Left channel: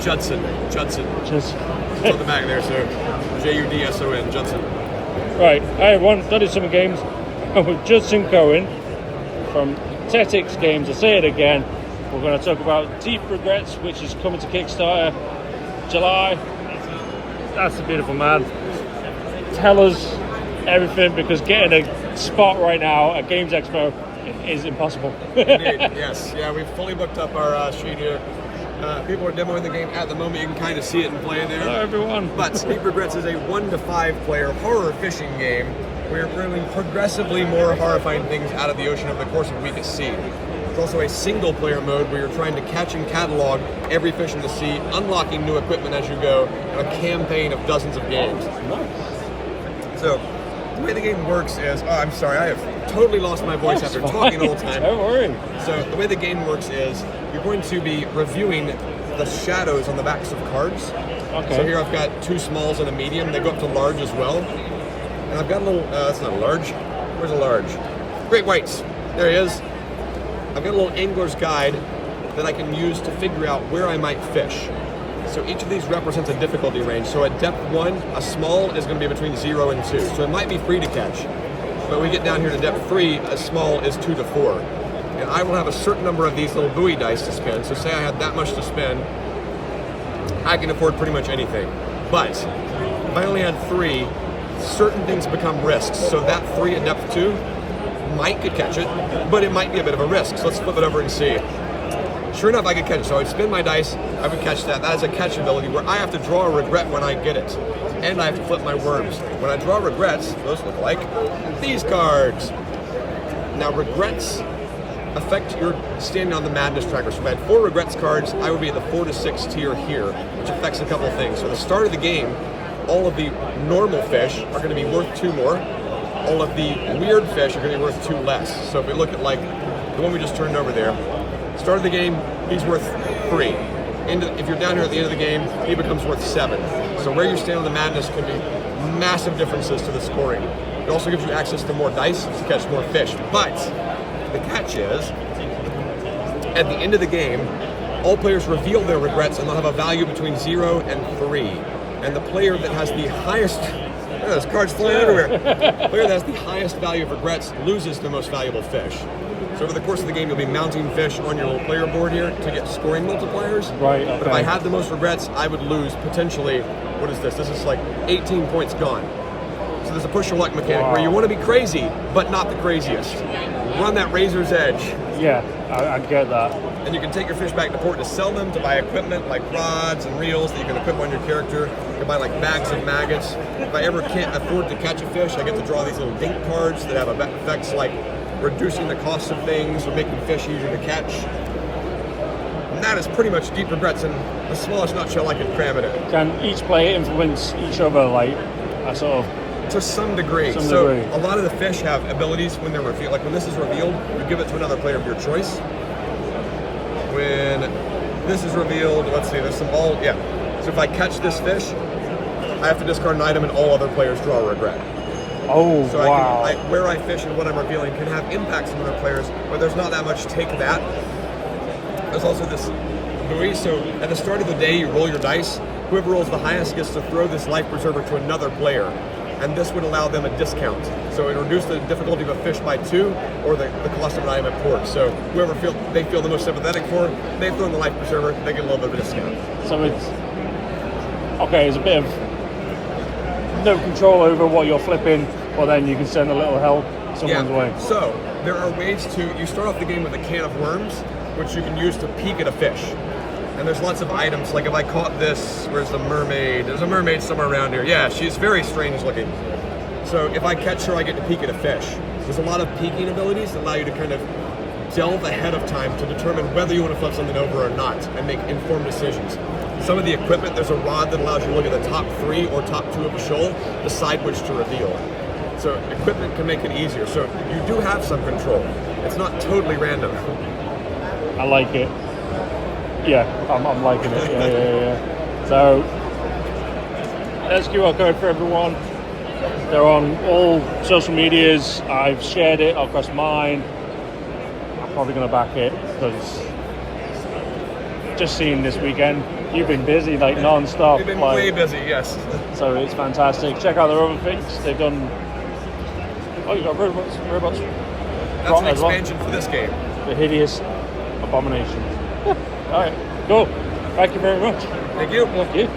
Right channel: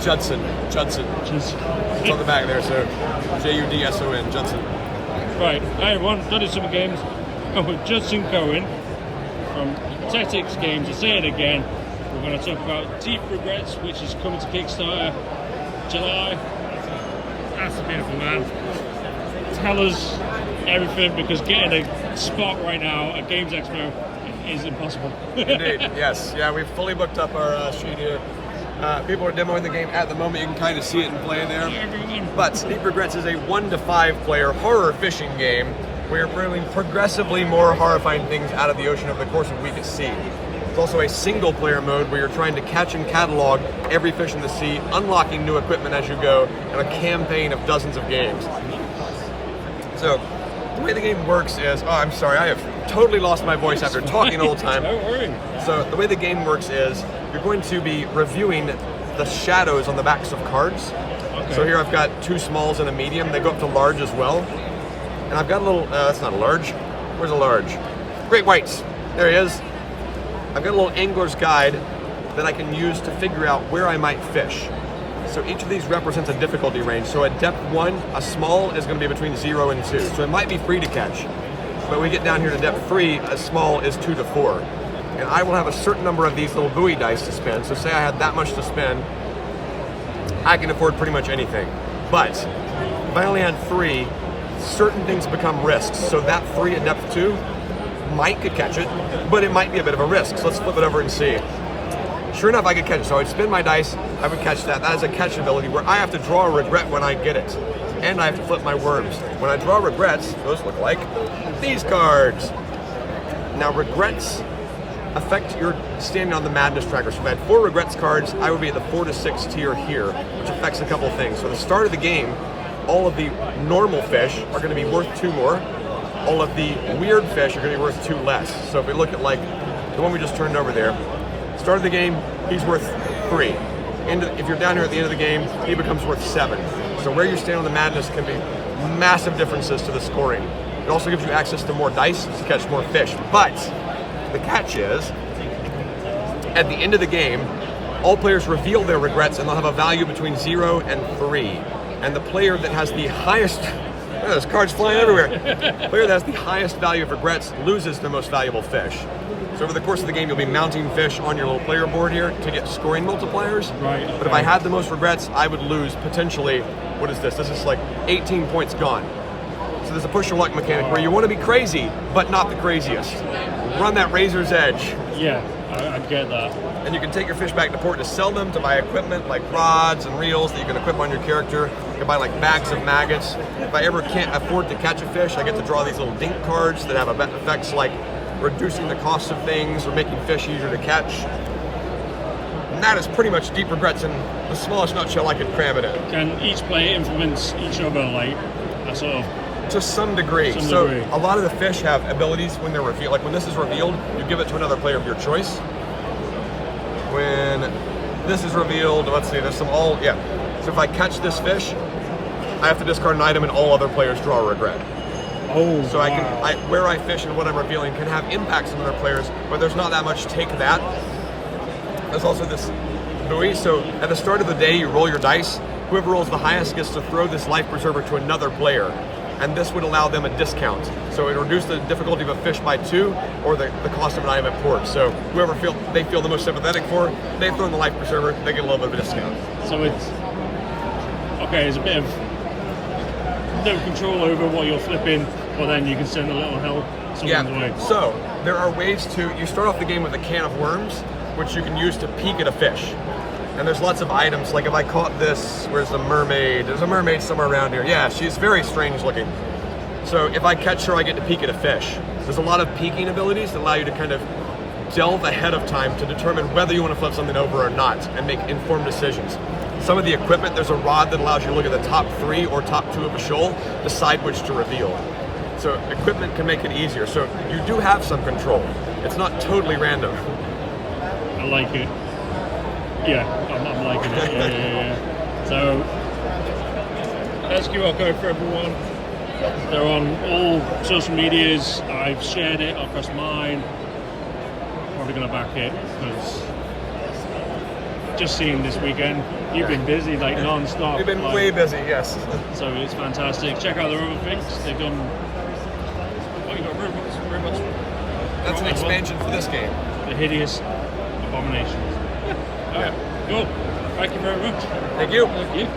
Judson. Just It's on the back there, so Judson, Judson. right. Hey everyone, Duddy Summer Games, and with Judson Cohen from Tettix Games. I say it again. We're going to talk about Deep Regrets, which is coming to Kickstarter July. That's a beautiful man. Tell us everything, because getting a spot right now at Games Expo is impossible. Indeed, yes. Yeah, we've fully booked up our sheet here. People are demoing the game at the moment. You can kind of see it and play there. Hello everyone. But Deep Regrets is a 1 to 5 player horror fishing game where you're bringing progressively more horrifying things out of the ocean over the course of a week at sea. It's also a single player mode where you're trying to catch and catalog every fish in the sea, unlocking new equipment as you go, and a campaign of dozens of games. Nice. So, the way the game works is, I'm sorry, I have totally lost my voice after talking the whole time. Don't worry. So the way the game works is, you're going to be reviewing the shadows on the backs of cards. Okay. So here I've got 2 smalls and a medium. They go up to large as well. And I've got a little, that's not a large. Where's a large? Great whites. There he is. I've got a little angler's guide that I can use to figure out where I might fish. So each of these represents a difficulty range. So at depth 1, a small is going to be between 0 and 2. So it might be free to catch. But when we get down here to depth 3, a small is 2 to 4. And I will have a certain number of these little buoy dice to spend. So say I had that much to spend, I can afford pretty much anything. But if I only had 3, certain things become risks. So that 3 at depth 2 might could catch it, but it might be a bit of a risk. So let's flip it over and see. Sure enough, I could catch it. So I'd spin my dice, I would catch that. That is a catch ability where I have to draw a regret when I get it. And I have to flip my worms. When I draw regrets, those look like these cards. Now regrets affect your standing on the madness tracker. So if I had 4 regrets cards, I would be at the 4 to 6 tier here, which affects a couple of things. So at the start of the game, all of the normal fish are going to be worth 2 more. All of the weird fish are going to be worth 2 less. So if we look at like the one we just turned over there, start of the game, he's worth 3. If you're down here at the end of the game, he becomes worth 7. So where you stand on the madness can be massive differences to the scoring. It also gives you access to more dice to catch more fish. But the catch is, at the end of the game, all players reveal their regrets and they'll have a value between 0 and 3. And the player that has the highest, look at those cards flying everywhere. The player that has the highest value of regrets loses the most valuable fish. So over the course of the game, you'll be mounting fish on your little player board here to get scoring multipliers. Right. Okay. But if I had the most regrets, I would lose potentially, what is this? This is like 18 points gone. So there's a push your luck mechanic where you want to be crazy, but not the craziest. Run that razor's edge. Yeah, I get that. And you can take your fish back to port to sell them, to buy equipment like rods and reels that you can equip on your character. You can buy like bags of maggots. If I ever can't afford to catch a fish, I get to draw these little dink cards that have effects like reducing the cost of things or making fish easier to catch. And that is pretty much Deep Regrets in the smallest nutshell I could cram it in. Can each player influence each other, like, a sort of... To some degree. So a lot of the fish have abilities when they're revealed. Like when this is revealed, you give it to another player of your choice. When this is revealed, let's see, there's some So if I catch this fish, I have to discard an item and all other players draw a regret. Oh, so wow. Where I fish and what I'm revealing can have impacts on other players, but there's not that much take that. There's also this buoy. So at the start of the day, you roll your dice. Whoever rolls the highest gets to throw this life preserver to another player. And this would allow them a discount. So it would reduce the difficulty of a fish by 2 or the cost of an item at port. So whoever they feel the most sympathetic for, they throw in the life preserver, they get a little bit of a discount. So it's, okay, it's a bit of no control over what you're flipping, or then you can send a little help someone's way. So there are ways you start off the game with a can of worms, which you can use to peek at a fish. And there's lots of items, like if I caught this, where's the mermaid? There's a mermaid somewhere around here. Yeah, she's very strange looking. So if I catch her, I get to peek at a fish. There's a lot of peeking abilities that allow you to kind of delve ahead of time to determine whether you want to flip something over or not and make informed decisions. Some of the equipment, there's a rod that allows you to look at the top 3 or top 2 of a shoal, decide which to reveal. So equipment can make it easier. So you do have some control. It's not totally random. I like it. Yeah, I'm liking it. Yeah. So, there's QR code for everyone. They're on all social medias. I've shared it across mine. I'm probably going to back it because just seeing this weekend, You've been busy like non-stop. We've been like, way busy, yes. So it's fantastic. Check out their other things. They've done. Oh, you got robots. That's an expansion for this game. The hideous abominations. All right, cool. Thank you very much. Thank you. Thank you.